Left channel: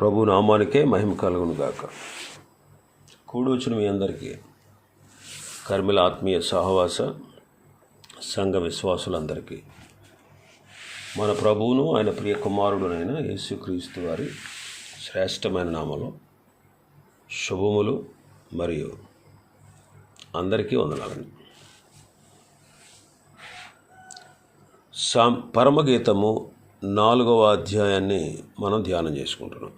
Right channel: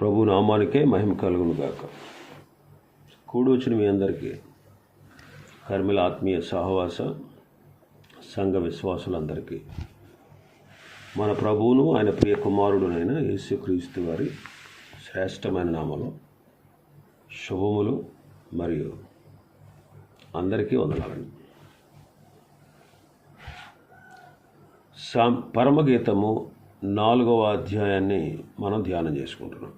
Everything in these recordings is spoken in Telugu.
ప్రభు నామానికే మహిమ కలుగును గాక. కూడొచ్చిన మీ అందరికీ కర్మిల ఆత్మీయ సహవాస సంఘ విశ్వాసులందరికీ మన ప్రభువును ఆయన ప్రియ కుమారుడునైన యేసుక్రీస్తు వారి శ్రేష్టమైన నామలో శుభములు మరియు అందరికీ వందనాలండి సాం పరమగీతము నాలుగవ అధ్యాయాన్ని మనం ధ్యానం చేసుకుంటున్నాం.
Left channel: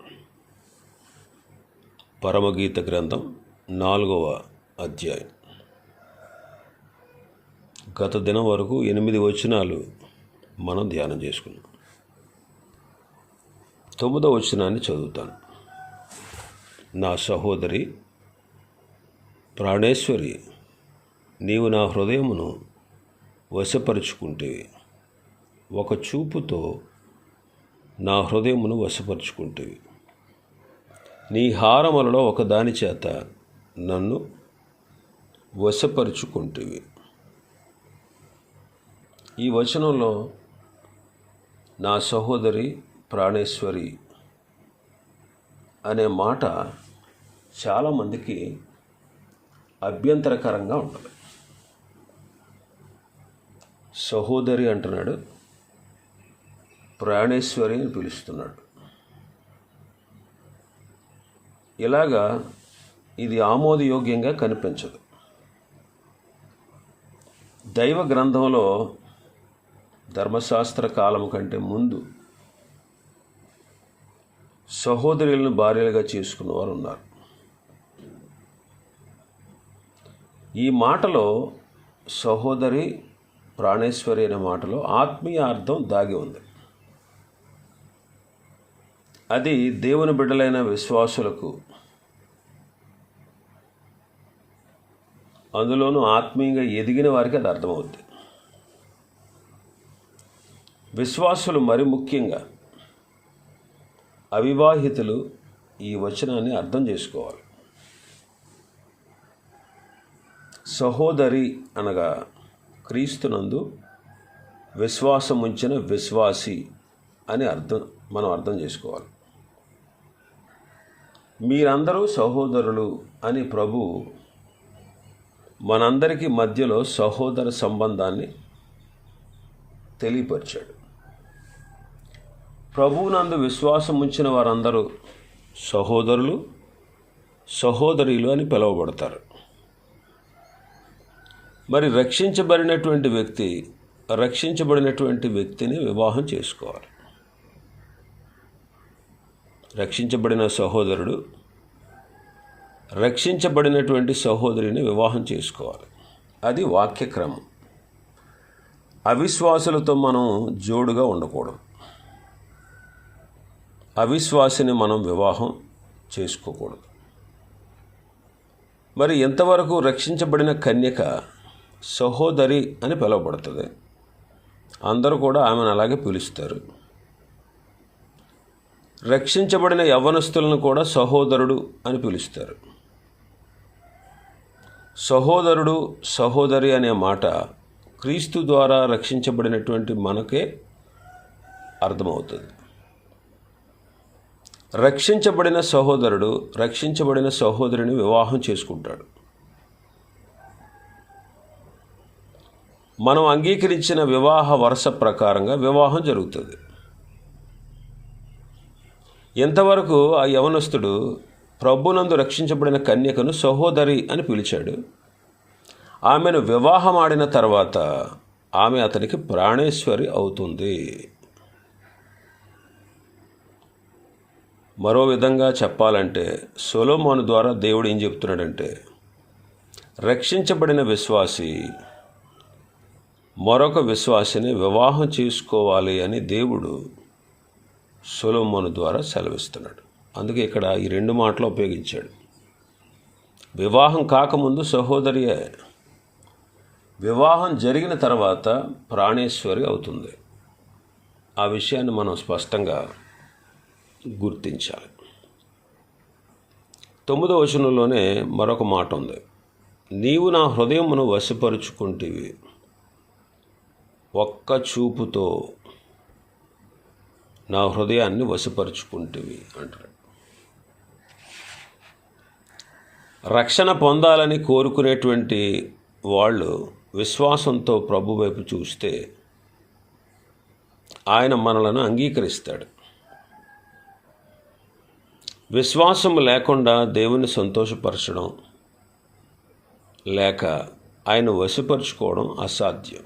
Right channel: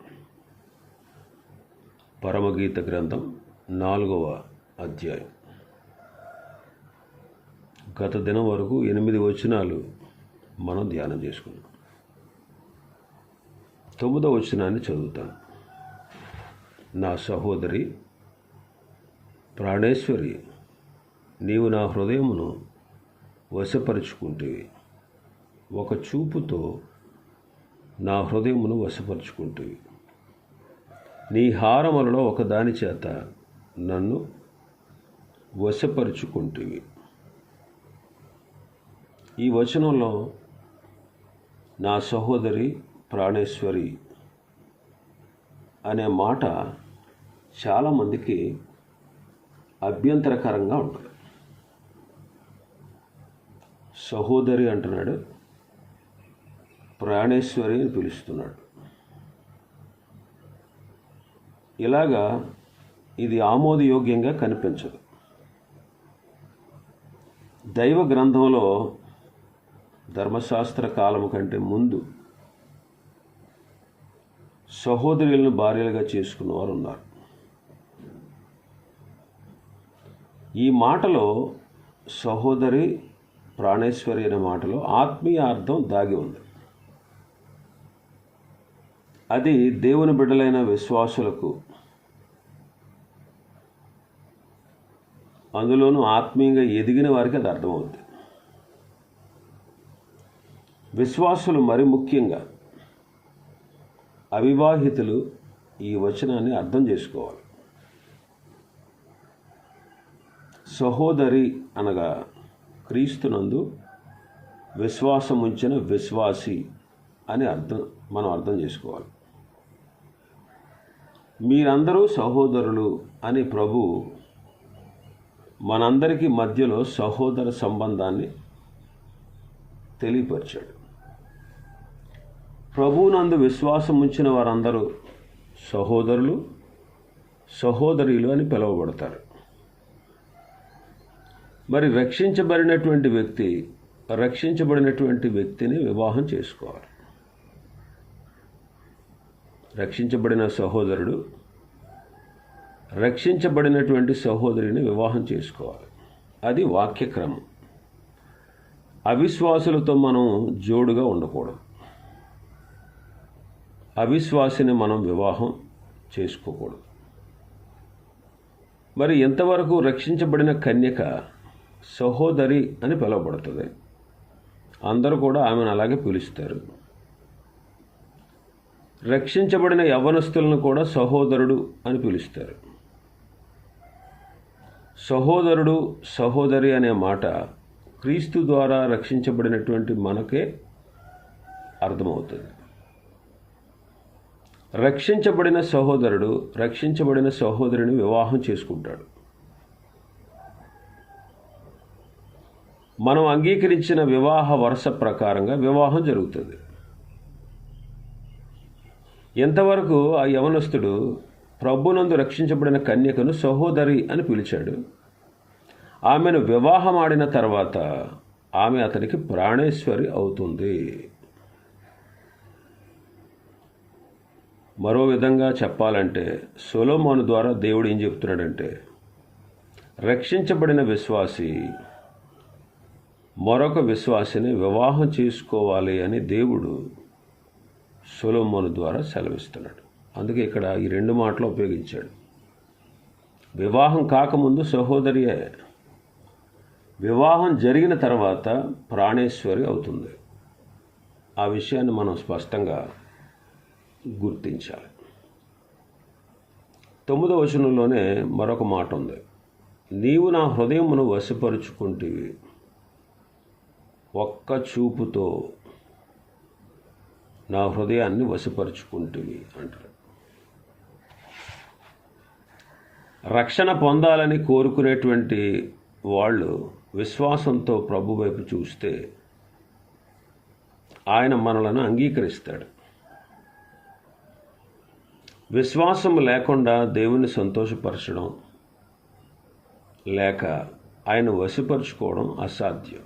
పరమగీత గ్రంథం నాలుగవ అధ్యాయం. గత దినం వరకు ఎనిమిది వచనాలు మనం ధ్యానం చేసుకున్నాం. తొమ్మిదవ వచనాన్ని చదువుతాను. నా సహోదరి ప్రాణేశ్వరి నీవు నా హృదయమును వశపరుచుకుంటే ఒక చూపుతో నా హృదయమును వశపరుచుకుంటేవి నీ హారములలో ఒకదాని చేత నన్ను వశపరుచుకుంటువి. ఈ వచనంలో నా సహోదరి ప్రాణేశ్వరి అనే మాట చాలామందికి అభ్యంతరకరంగా ఉంటుంది. సహోదరి అంటున్నాడు ప్రాణేశ్వరి అని పిలుస్తున్నాడు. ఇలాగా ఇది ఆమోదయోగ్యంగా కనిపించదు. దైవ గ్రంథంలో ధర్మశాస్త్ర కాలం కంటే ముందు సహోదరులను భార్యలుగా చేసుకున్న వారు ఉన్నారు ఈ మాటలో సహోదరి ప్రాణేశ్వరి అనే మాటలో ఆత్మీయ అర్థం దాగి ఉంది. అది దేవుని బిడ్డలైన విశ్వాసులకు అందులోనూ ఆత్మీయంగా ఎదిగిన వారికి అది అర్థమవుద్ది. విశ్వాసులు మరి ముఖ్యంగా అవివాహితులు ఈ వచనాన్ని అర్థం చేసుకోవాలి. సహోదరి అనగా క్రీస్తునందు విశ్వాసం ఉంచిన విశ్వాసి అని అర్థం మనం అర్థం చేసుకోవాలి. మీరందరూ సహోదరులు అని ప్రభు మనందరికీ మధ్యలో సహోదర సంబంధాన్ని తెలియపరిచాడు. ప్రభువునందు విశ్వాసం ఉంచిన వారందరూ సహోదరులు సహోదరులు అని పిలువబడతారు. మరి రక్షించబడినటువంటి వ్యక్తి రక్షించబడినటువంటి వ్యక్తిని వివాహం చేసుకోవాలి. రక్షించబడిన సహోదరుడు రక్షించబడినటువంటి సహోదరిని వివాహం చేసుకోవాలి. అది వాక్యక్రమం. అవిశ్వాసులతో మనం జోడుగా ఉండకూడదు. అవిశ్వాసిని మనం వివాహం చేసుకోకూడదు. మరి ఎంతవరకు రక్షించబడిన కన్యక సహోదరి అని పిలువబడుతుంది. అందరూ కూడా ఆమెను అలాగే పిలుస్తారు. రక్షించబడిన యవనస్తులను కూడా సహోదరుడు అని పిలుస్తారు. సహోదరుడు సహోదరి అనే మాట క్రీస్తు ద్వారా రక్షించబడినటువంటి మనకే అర్థమవుతుంది. రక్షించబడిన సహోదరుడు రక్షించబడిన సహోదరిని వివాహం చేసుకుంటాడు. మనం అంగీకరించిన వివాహ వరుస ప్రకారంగా వివాహం జరుగుతుంది. ఎంతవరకు ఆ యవనస్తుడు ప్రభునందు రక్షించబడిన కన్యకను సహోదరి అని పిలిచాడు. ఆమెను వివాహం ఆడిన తర్వాత ఆమె అతనికి ప్రాణేశ్వరి అవుతుంది. మరో విధంగా చెప్పాలంటే సొలోమోను ద్వారా దేవుడు ఏం చెప్తున్నాడంటే రక్షించబడిన విశ్వాసి మరొక విశ్వాసిని వివాహం చేసుకోవాలి అని దేవుడు సొలోమోను ద్వారా సెలవిస్తున్నాడు. అందుకే ఇక్కడ ఈ రెండు మాటలు ఉపయోగించాడు. వివాహం కాకముందు సహోదరి వివాహం జరిగిన తర్వాత ప్రాణేశ్వరి అవుతుంది. ఆ విషయాన్ని మనం స్పష్టంగా గుర్తించాలి. తొమ్మిదవ వచనంలోనే మరొక మాట ఉంది. నీవు నా హృదయమును వశపరుచుకుంటేవి ఒక్క చూపుతో నా హృదయాన్ని వశపరుచుకుంటేవి అంటారు. రక్షణ పొందాలని కోరుకునేటువంటి వాళ్ళు విశ్వాసంతో ప్రభు వైపు చూస్తే ఆయన మనలను అంగీకరిస్తాడు. విశ్వాసం లేకుండా దేవుని సంతోషపరచడం లేక ఆయన వశపరుచుకోవడం అసాధ్యం.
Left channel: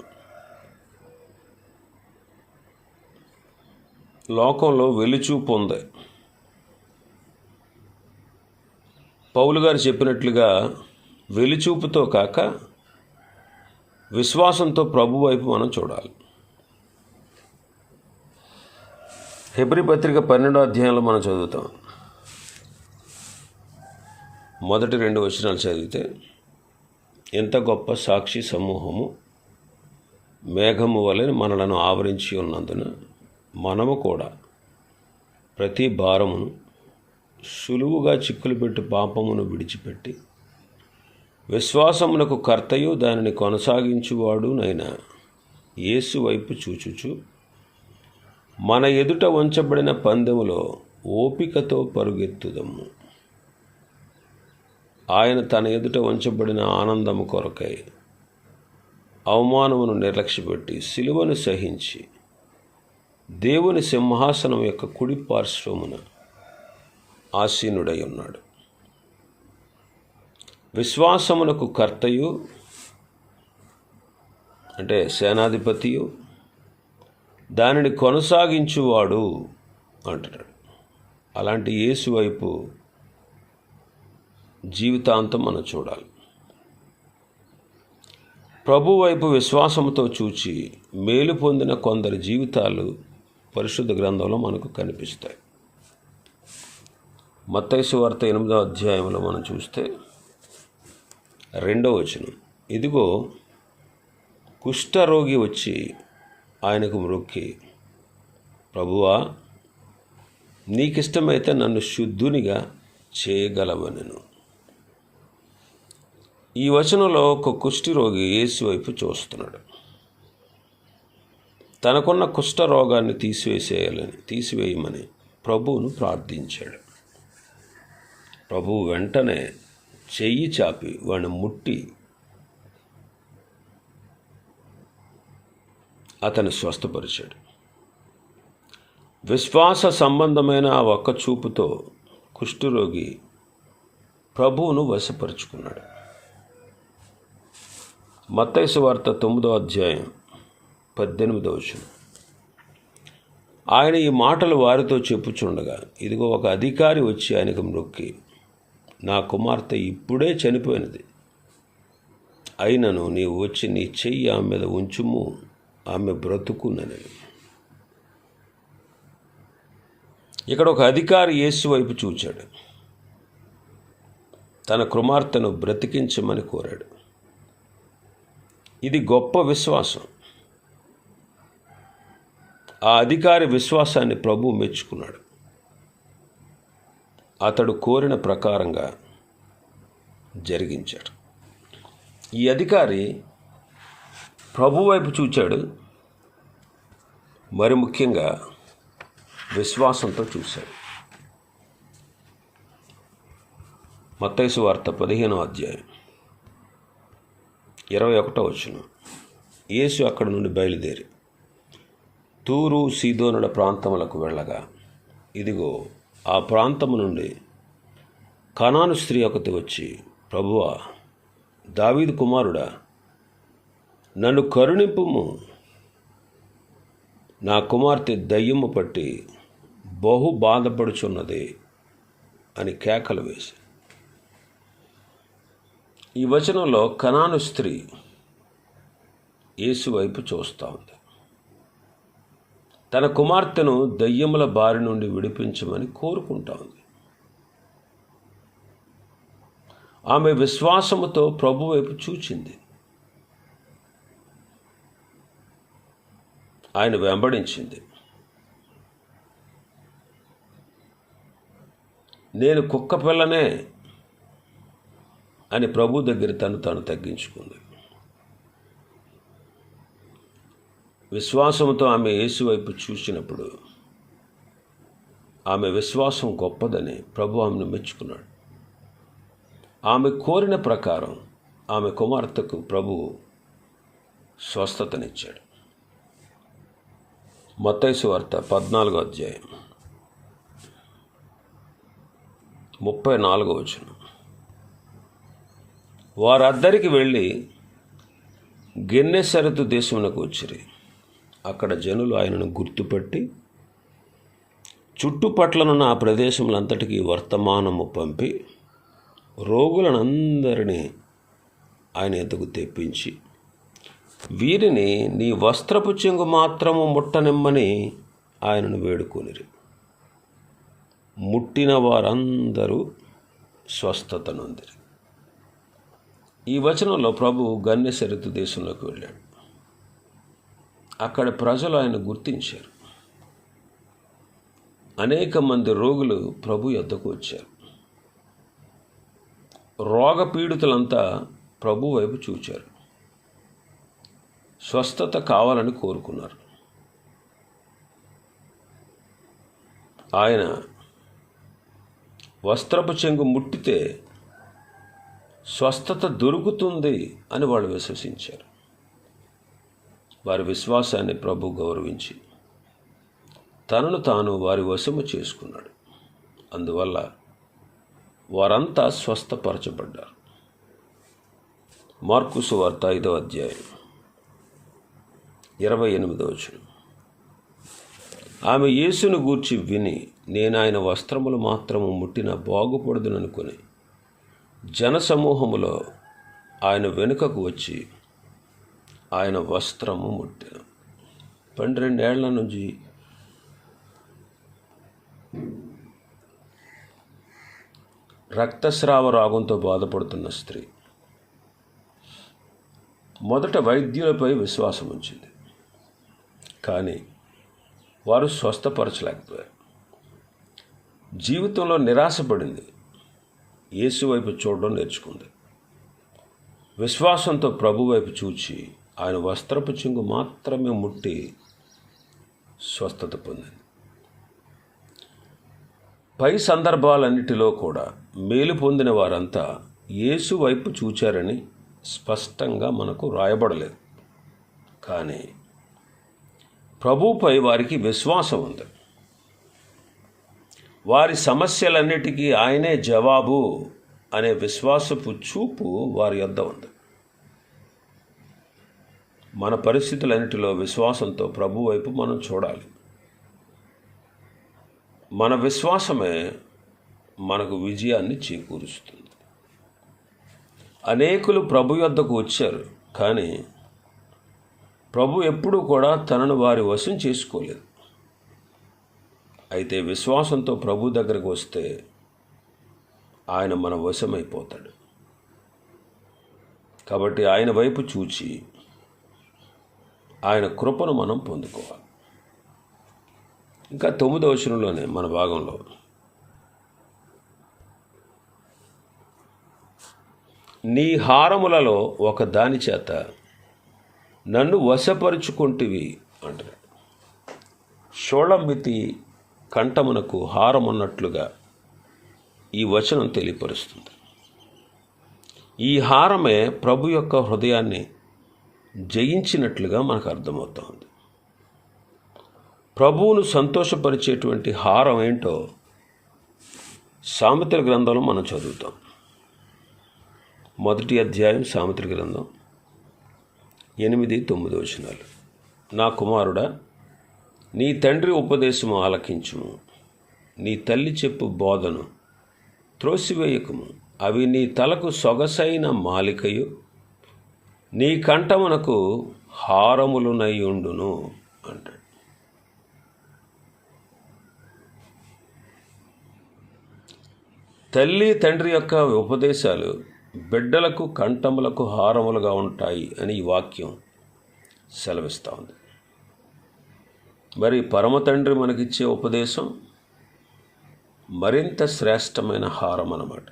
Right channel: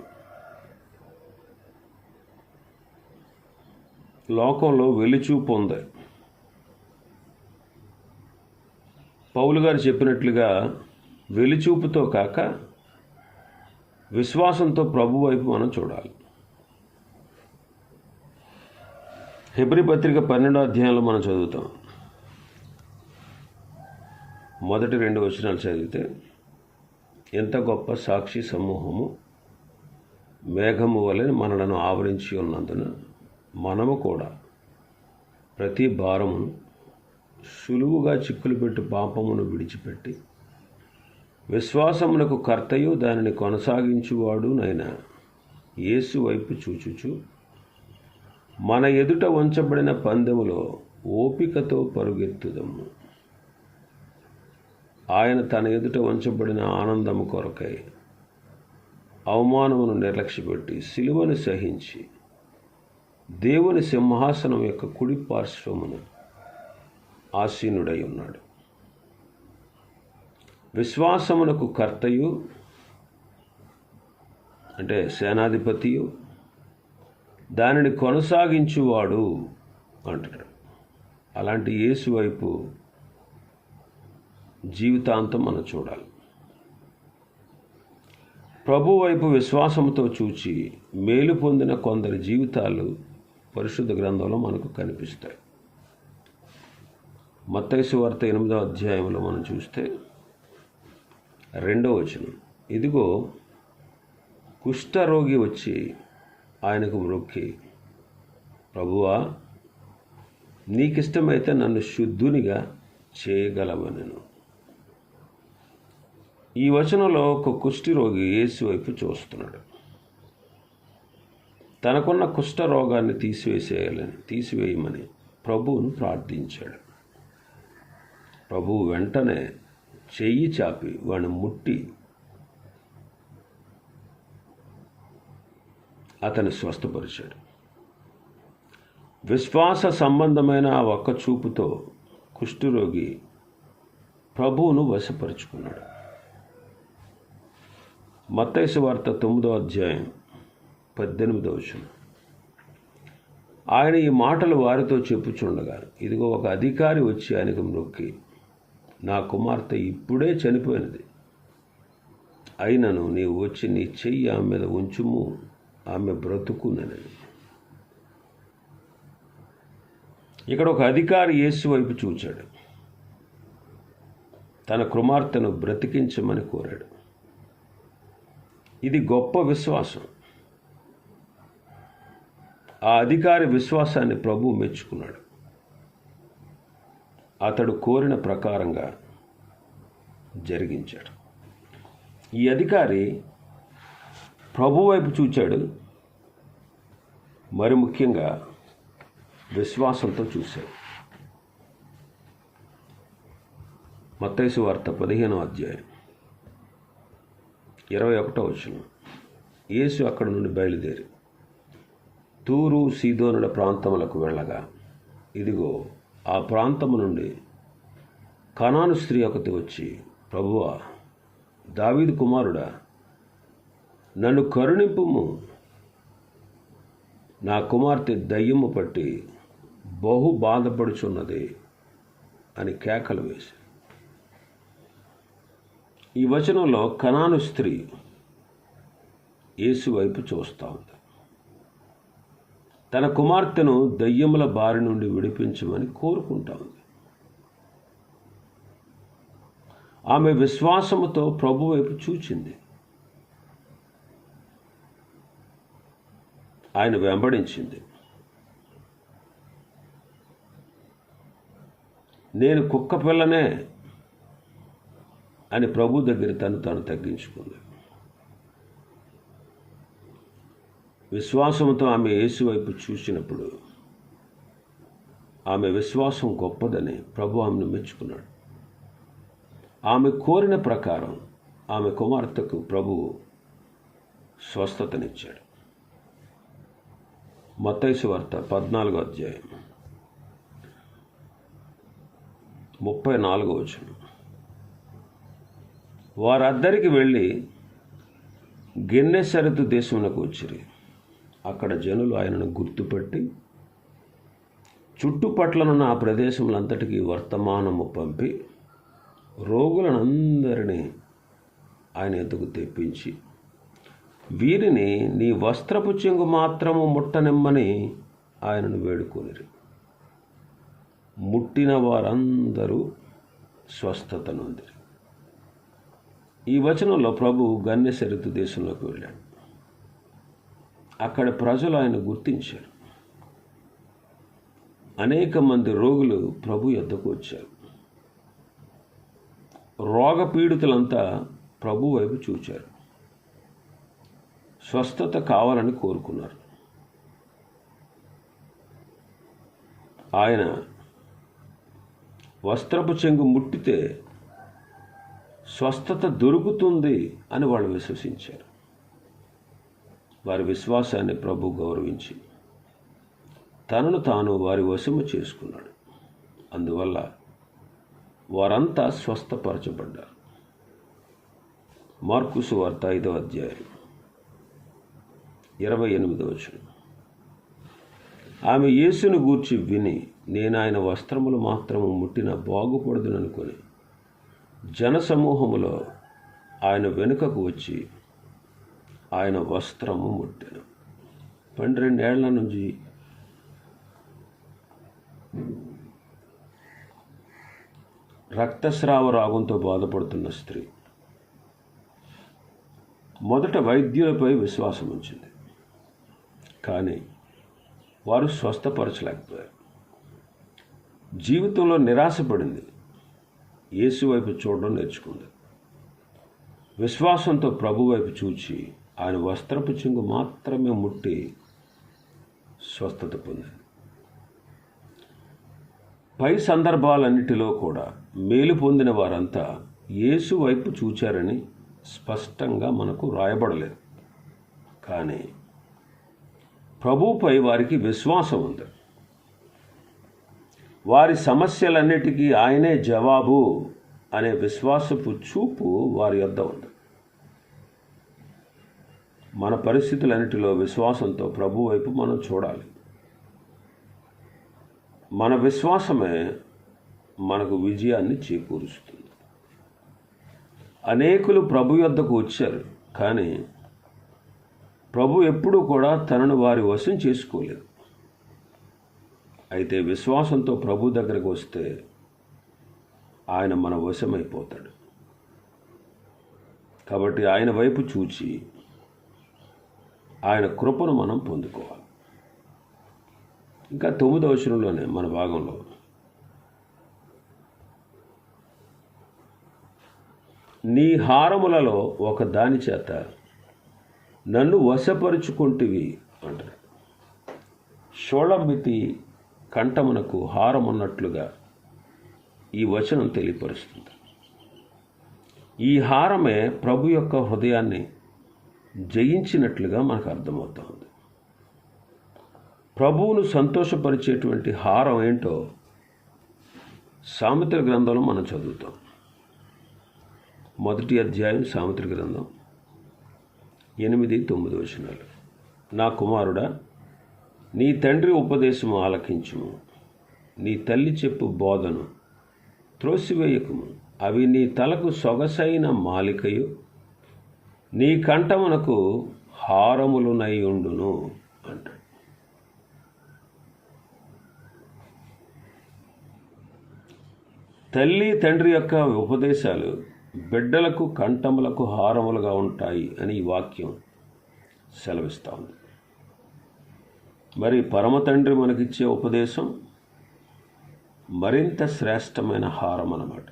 లోకంలో వెలుచూపు ఉంది. పౌలు గారు చెప్పినట్లుగా వెలిచూపుతో కాక విశ్వాసంతో ప్రభు వైపు మనం చూడాలి. హెబ్రి పత్రిక పన్నెండో అధ్యాయంలో మనం చదువుతాం. మొదటి రెండు వచనాలు చదివితే ఎంత గొప్ప సాక్షి సమూహము మేఘము వలె మనలను ఆవరించి ఉన్నందున మనము కూడా ప్రతి భారమును సులువుగా చిక్కులు పెట్టి పాపమును విడిచిపెట్టి విశ్వాసమునకు కర్తయు దానిని కొనసాగించువాడు నైనా యేసు వైపు చూచుచు. మన ఎదుట వంచబడిన పందెములో ఓపికతో పరుగెత్తుదము. ఆయన తన ఎదుట వంచబడిన ఆనందము కొరకై అవమానమును నిర్లక్ష్యపెట్టి సిలువను సహించి దేవుని సింహాసనం యొక్క కుడి పార్శ్వమున ఆసీనుడై ఉన్నాడు విశ్వాసమునకు కర్తయు అంటే సేనాధిపతియు దానిని కొనసాగించువాడు అంటున్నాడు. అలాంటి యేసు వైపు జీవితాంతం మనం చూడాలి. ప్రభు వైపు విశ్వాసంతో చూచి మేలు పొందిన కొందరి జీవితాలు పరిశుద్ధ గ్రంథంలో మనకు కనిపిస్తాయి. మత్తైసు వార్త ఎనిమిదో అధ్యాయంలో మనం చూస్తే రెండో వచనం. ఇదిగో కుష్ఠరోగి వచ్చి ఆయనకు మొక్కి ప్రభువా నీకిష్టమైతే నన్ను శుద్ధునిగా చేయగలవనెను. ఈ వచనంలో ఒక కుష్ఠరోగి యేసు వైపు చూస్తున్నాడు. తనకున్న కుష్ఠ రోగాన్ని తీసివేసేయాలని తీసివేయమని ప్రభువును ప్రార్థించాడు. ప్రభువు వెంటనే చెయ్యి చాపి వాడిని ముట్టి అతను స్వస్థపరిచాడు. విశ్వాస సంబంధమైన ఆ ఒక్క చూపుతో కుష్ఠరోగి ప్రభువును వశపరుచుకున్నాడు. మత్తైసు వార్త తొమ్మిదో అధ్యాయం పద్దెనిమిదో వచనం. ఆయన ఈ మాటలు వారితో చెప్పుచుండగా ఇదిగో ఒక అధికారి వచ్చి ఆయనకు మొక్కి నా కుమార్తె ఇప్పుడే చనిపోయినది. అయినను నీవు వచ్చి నీ చెయ్యి ఆమె మీద ఉంచుము ఆమె బ్రతుకునని ఇక్కడ ఒక అధికారి యేసు వైపు చూచాడు. తన కుమార్తెను బ్రతికించమని కోరాడు. ఇది గొప్ప విశ్వాసం. ఆ అధికారి విశ్వాసాన్ని ప్రభు మెచ్చుకున్నాడు. అతడు కోరిన ప్రకారంగా జరిగించాడు. ఈ అధికారి ప్రభు వైపు చూచాడు. మరి ముఖ్యంగా విశ్వాసంతో చూశాడు. మత్తైసు వార్త పదిహేనో అధ్యాయం ఇరవై ఒకటో వచ్చిన యేసు అక్కడి నుండి బయలుదేరి తూరు సీదోనుల ప్రాంతములకు వెళ్ళగా ఇదిగో ఆ ప్రాంతము నుండి కనాను స్త్రీ ఒకటి వచ్చి ప్రభువా దావీదు కుమారుడా నన్ను కరుణింపుము. నా కుమార్తె దయ్యము పట్టి బహు బాధపడుచున్నది అని కేకలు వేసి. ఈ వచనంలో కనాను స్త్రీ యేసు వైపు చూస్తూ ఉంది. తన కుమార్తెను దయ్యముల బారి నుండి విడిపించమని కోరుకుంటా ఉంది ఆమె విశ్వాసముతో ప్రభు వైపు చూచింది. ఆయన వెంబడించింది. నేను కుక్క పిల్లనే అని ప్రభు దగ్గర తను తాను తగ్గించుకుంది. విశ్వాసంతో ఆమె యేసు వైపు చూసినప్పుడు ఆమె విశ్వాసం గొప్పదని ప్రభు ఆమెను మెచ్చుకున్నాడు. ఆమె కోరిన ప్రకారం ఆమె కుమార్తెకు ప్రభువు స్వస్థతనిచ్చాడు. మత్తైసు వార్త పద్నాలుగో అధ్యాయం ముప్పై నాలుగో వచనం. వారద్దరికి వెళ్ళి గిన్నె సరితు దేశమునకు వచ్చిరి. అక్కడ జనులు ఆయనను గుర్తుపట్టి చుట్టుపట్లనున్న ఆ ప్రదేశములంతటికీ వర్తమానము పంపి రోగులనందరినీ ఆయన ఎద్దుకు తెప్పించి వీరిని నీ వస్త్రపు చెంగు మాత్రము ముట్టనిమ్మని ఆయనను వేడుకొనిరి. ముట్టిన వారందరూ స్వస్థత నొందిరి ఈ వచనంలో ప్రభు గన్యసరితు దేశంలోకి వెళ్ళాడు. అక్కడ ప్రజలు ఆయన గుర్తించారు. అనేక మంది రోగులు ప్రభు యొద్దకు వచ్చారు. రోగ పీడితులంతా ప్రభు వైపు చూచారు. స్వస్థత కావాలని కోరుకున్నారు. ఆయన వస్త్రపు చెంగు ముట్టితే స్వస్థత దొరుకుతుంది అని వాళ్ళు విశ్వసించారు. వారి విశ్వాసాన్ని ప్రభు గౌరవించి తనను తాను వారి వశము చేసుకున్నాడు. అందువల్ల వారంతా స్వస్థపరచబడ్డారు. మార్కుసు వార్త ఐదవ అధ్యాయం ఇరవై ఎనిమిదవ వచనం. ఆమె యేసును గూర్చి విని నేను ఆయన వస్త్రములు మాత్రము ముట్టిన బాగుపడదుననుకుని జనసమూహములో ఆయన వెనుకకు వచ్చి ఆయన వస్త్రము ముట్టిన. పన్నెండేళ్ళ నుంచి రక్తస్రావ రాగంతో బాధపడుతున్న స్త్రీ. మొదట వైద్యులపై విశ్వాసం ఉంచింది. కానీ వారు స్వస్థపరచలేకపోయారు. జీవితంలో నిరాశపడింది. యేసు వైపు చూడడం నేర్చుకుంది. విశ్వాసంతో ప్రభు వైపు చూచి ఆయన వస్త్రపు చెంగు మాత్రమే ముట్టి స్వస్థత పొందింది. పై సందర్భాలన్నిటిలో కూడా మేలు పొందిన వారంతా యేసు వైపు చూచారని స్పష్టంగా మనకు రాయబడలేదు. కానీ ప్రభుపై వారికి విశ్వాసం ఉంది. వారి సమస్యలన్నిటికీ ఆయనే జవాబు అనే విశ్వాసపు చూపు వారి యొద్ద ఉంది. మన పరిస్థితులన్నిటిలో విశ్వాసంతో ప్రభు వైపు మనం చూడాలి. మన విశ్వాసమే మనకు విజయాన్ని చేకూరుస్తుంది. అనేకులు ప్రభు యొద్దకు వచ్చారు కానీ ప్రభు ఎప్పుడూ కూడా తనను వారి వశం చేసుకోలేదు. అయితే విశ్వాసంతో ప్రభు దగ్గరకు వస్తే ఆయన మన వశమైపోతాడు. కాబట్టి ఆయన వైపు చూచి ఆయన కృపను మనం పొందుకోవాలి. ఇంకా తొమ్మిదో వచనంలోనే మన భాగంలో. నీ హారములలో ఒక దాని చేత నన్ను వశపరుచుకుంటివి అంటారు షోళంబితి కంఠమునకు హారమున్నట్లుగా ఈ వచనం తెలియపరుస్తుంది. ఈ హారమే ప్రభు యొక్క హృదయాన్ని జయించినట్లుగా మనకు అర్థమవుతుంది. ప్రభువును సంతోషపరిచేటువంటి హారం ఏంటో సామెతల గ్రంథంలో మనం చదువుతాం. మొదటి అధ్యాయం సామెతల గ్రంథం ఎనిమిది తొమ్మిది వచనాలు. నా కుమారుడా నీ తండ్రి ఉపదేశము ఆలకించుము. నీ తల్లి చెప్పు బోధను త్రోసివేయకుము. అవి నీ తలకు సొగసైన మాలికయు. నీ కంఠమునకు హారములునై ఉండును అంటాడు. తల్లి తండ్రి యొక్క ఉపదేశాలు బిడ్డలకు కంఠములకు హారములుగా ఉంటాయి అని ఈ వాక్యం సెలవిస్తూ ఉంది. మరి పరమ తండ్రి మనకిచ్చే ఉపదేశం మరింత శ్రేష్టమైన హారం అన్నమాట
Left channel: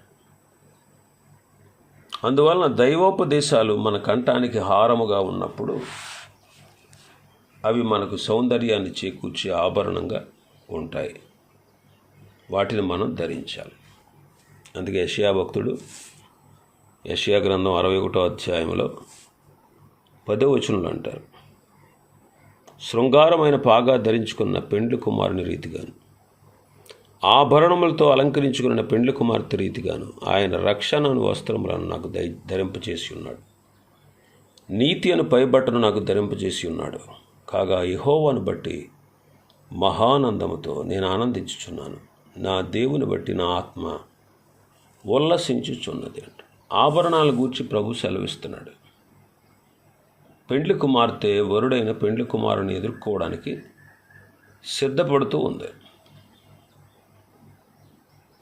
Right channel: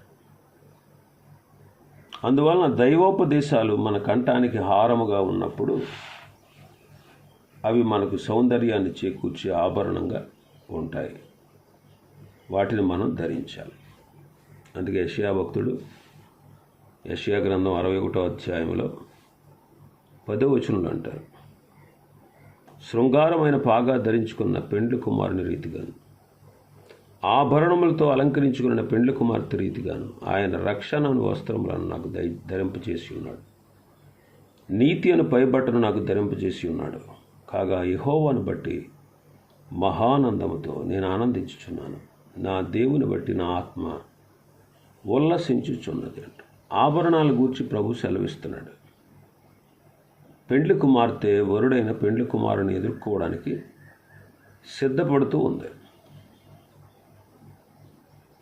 అందువలన దైవోపదేశాలు మన కంఠానికి హారముగా ఉన్నప్పుడు అవి మనకు సౌందర్యాన్ని చేకూర్చే ఆభరణంగా ఉంటాయి. వాటిని మనం ధరించాలి. అందుకే యషయా భక్తుడు యషయా గ్రంథం అరవై ఒకటో అధ్యాయంలో పదో వచనంలో అంటారు శృంగారమైన పాగా ధరించుకున్న పెండ్లి కుమారుని రీతిగాను ఆభరణములతో అలంకరించుకున్న పెండ్లి కుమార్తె రీతిగాను ఆయన రక్షణను వస్త్రములను నాకు దై ధరింపచేసి ఉన్నాడు నీతి అని పైబట్టను నాకు ధరింపజేసి ఉన్నాడు కాగా యహోవాను బట్టి మహానందముతో నేను ఆనందించుచున్నాను. నా దేవుని బట్టి నా ఆత్మ ఉల్లసించుచున్నది అంట. ఆభరణాల గూర్చి ప్రభు సెలవిస్తున్నాడు. పెండ్లి కుమార్తె వరుడైన పెండ్లి కుమారుని ఎదుర్కోవడానికి సిద్ధపడుతూ ఉంది.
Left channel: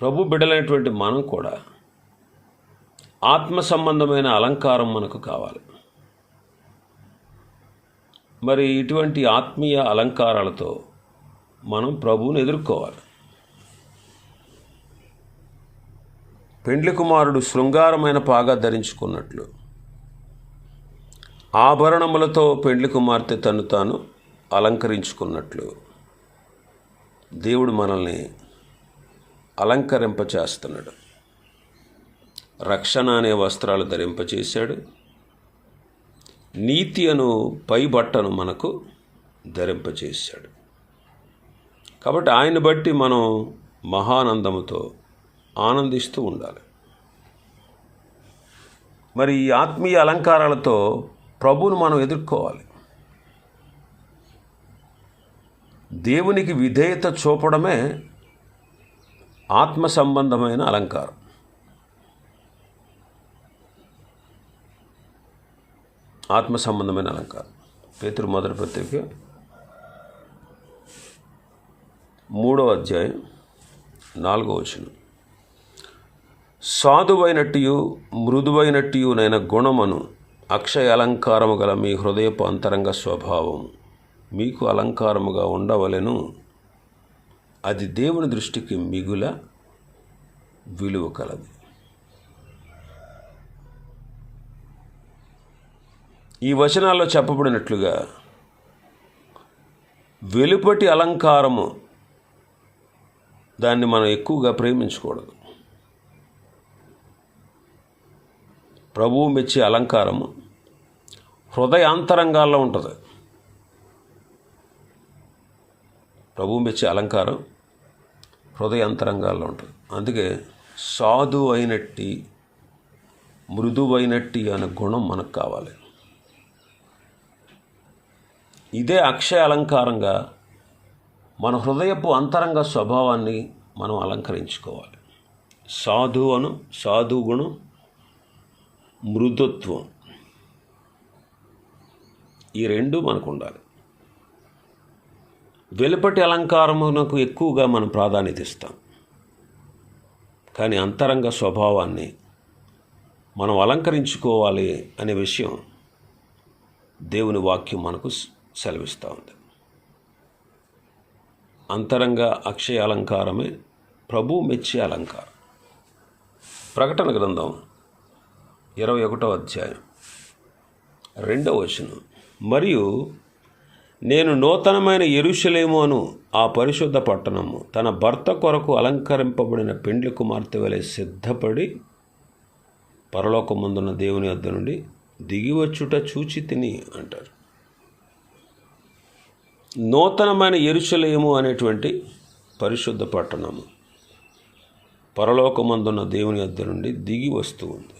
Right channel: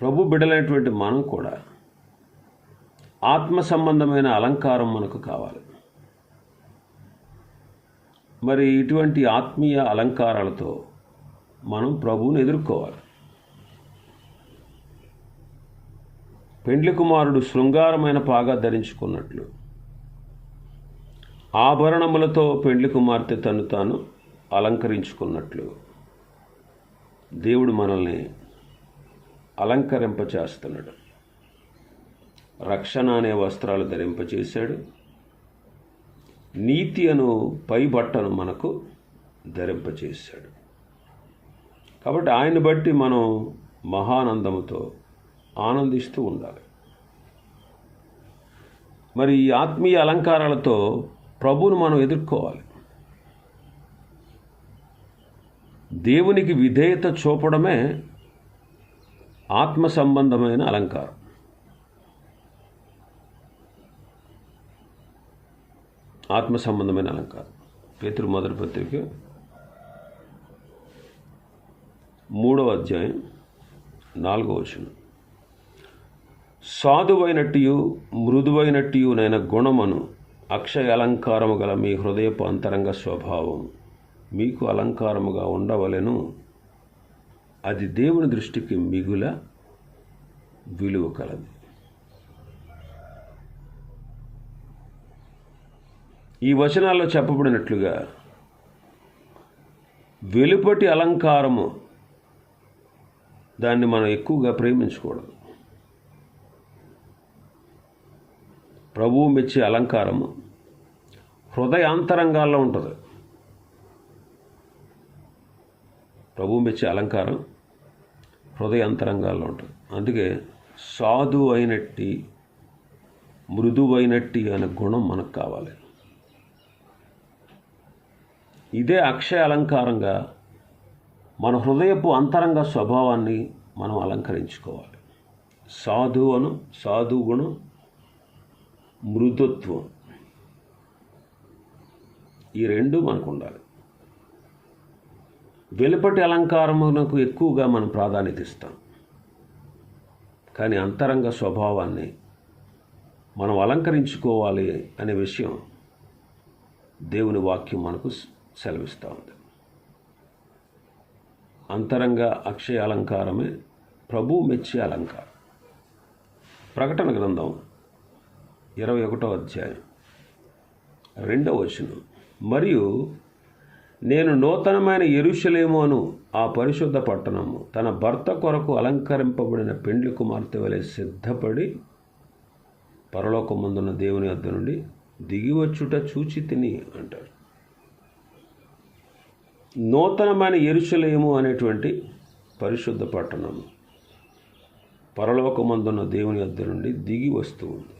ప్రభు బిడలైనటువంటి మనం కూడా ఆత్మ సంబంధమైన అలంకారం మనకు కావాలి. మరి ఇటువంటి ఆత్మీయ అలంకారాలతో మనం ప్రభువుని ఎదుర్కోవాలి. పెండ్లి కుమారుడు శృంగారమైన పాగా ధరించుకున్నట్లు ఆభరణములతో పెండ్లి కుమార్తె తను తాను అలంకరించుకున్నట్లు దేవుడు మనల్ని అలంకరింపచేస్తున్నాడు. రక్షణ అనే వస్త్రాలు ధరింపచేశాడు. నీతి అను పై బట్టను మనకు ధరింపచేశాడు. కాబట్టి ఆయన బట్టి మనం మహానందముతో ఆనందిస్తూ ఉండాలి. మరి ఈ ఆత్మీయ అలంకారాలతో ప్రభువును మనం ఎదుర్కోవాలి. దేవునికి విధేయత చూపడమే ఆత్మ సంబంధమైన అలంకారం. ఆత్మ సంబంధమైన అలంకారం. పేతురు మొదటి పత్రిక మూడవ అధ్యాయం. నాలుగవ వచనం. యువ నైన గుణమును అక్షయ అలంకారము గల మీ హృదయపు అంతరంగ స్వభావం. మీకు అలంకారముగా ఉండవలెను. అది దేవుని దృష్టికి మిగుల విలువ కలది. ఈ వచనాల్లో చెప్పబడినట్లుగా వెలుపటి అలంకారము దాన్ని మనం ఎక్కువగా ప్రేమించకూడదు. ప్రభువు మెచ్చే అలంకారము హృదయాంతరంగాల్లో ఉంటుంది. ప్రభువు మెచ్చే అలంకారం హృదయంతరంగాల్లో ఉంటుంది అందుకే సాధు అయినట్టి మృదువైనట్టి అనే గుణం మనకు కావాలి. ఇదే అక్షయ అలంకారంగా మన హృదయపు అంతరంగ స్వభావాన్ని మనం అలంకరించుకోవాలి. సాధు అను సాధు గుణం మృదుత్వం. ఈ రెండు మనకు ఉండాలి. వెలుపటి అలంకారమునకు ఎక్కువగా మనం ప్రాధాన్యత ఇస్తాం. కానీ అంతరంగ స్వభావాన్ని మనం అలంకరించుకోవాలి అనే విషయం దేవుని వాక్యం మనకు సెలవిస్తూ ఉంది. అంతరంగ అక్షయ అలంకారమే ప్రభు మెచ్చే అలంకారం. ప్రకటన గ్రంథం ఇరవై ఒకటో అధ్యాయం రెండవ వచనం. మరియు నేను నూతనమైన ఎరుషలేము అను ఆ పరిశుద్ధ పట్టణము తన భర్త కొరకు అలంకరింపబడిన పెండ్లి కుమార్తె వలె సిద్ధపడి పరలోకముందున్న దేవుని వద్ద నుండి దిగివచ్చుట చూచి తిని అంటారు. నూతనమైన ఎరుషలేము అనేటువంటి పరిశుద్ధ పట్టణము పరలోకమందున్న దేవుని వద్ద నుండి దిగి వస్తూ ఉంది.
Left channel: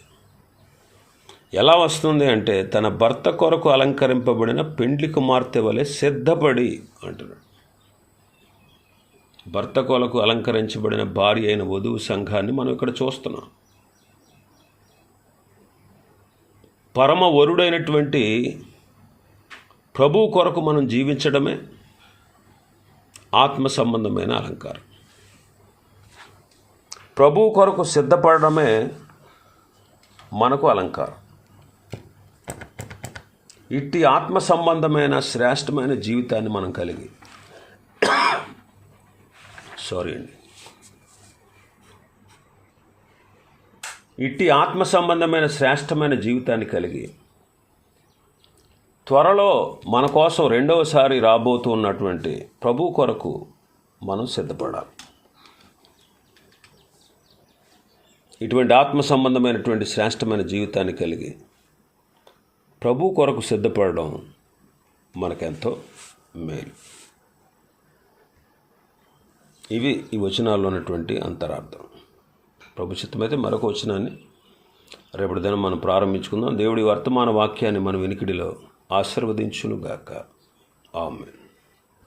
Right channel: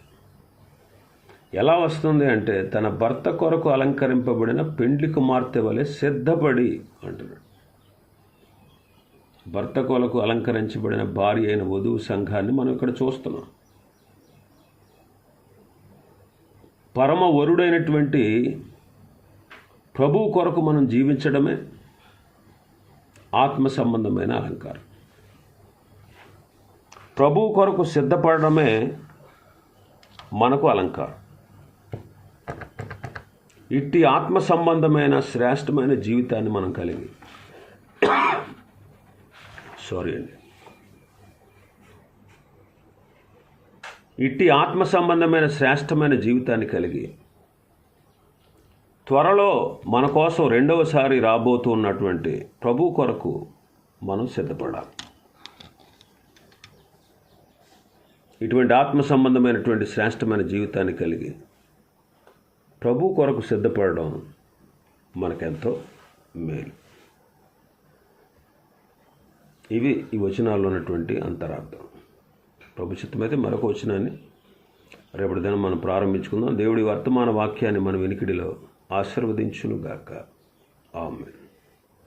ఎలా వస్తుంది అంటే తన భర్త కొరకు అలంకరింపబడిన పెండ్లి కుమార్తె వలె సిద్ధపడి అంటున్నాడు. భర్త కొరకు అలంకరించబడిన భార్య అయిన వధువు సంఘాన్ని మనం ఇక్కడ చూస్తున్నాం. పరమ వరుడైనటువంటి ప్రభు కొరకు మనం జీవించడమే ఆత్మ సంబంధమైన అలంకారం. ప్రభు కొరకు సిద్ధపడడమే మనకు అలంకారం. ఇట్టి ఆత్మ సంబంధమైన శ్రేష్టమైన జీవితాన్ని మనం కలిగి. సారీ అండి. ఇట్టి ఆత్మ సంబంధమైన శ్రేష్టమైన జీవితాన్ని కలిగి త్వరలో మన కోసం రెండవసారి రాబోతూ ఉన్నటువంటి ప్రభు కొరకు మనం సిద్ధపడాలి. ఇటువంటి ఆత్మ సంబంధమైనటువంటి శ్రేష్టమైన జీవితాన్ని కలిగి ప్రభు కొరకు సిద్ధపడడం మనకెంతో మేలు. ఇవి ఈ వచనాల్లో ఉన్నటువంటి అంతరార్థం. ప్రభు చిత్తమైతే మరొక వచనాన్ని రేపటి దినం మనం ప్రారంభించుకుందాం. దేవుడి వర్తమాన వాక్యాన్ని మన వినికిడిలో ఆశీర్వదించునుగాక. ఆమె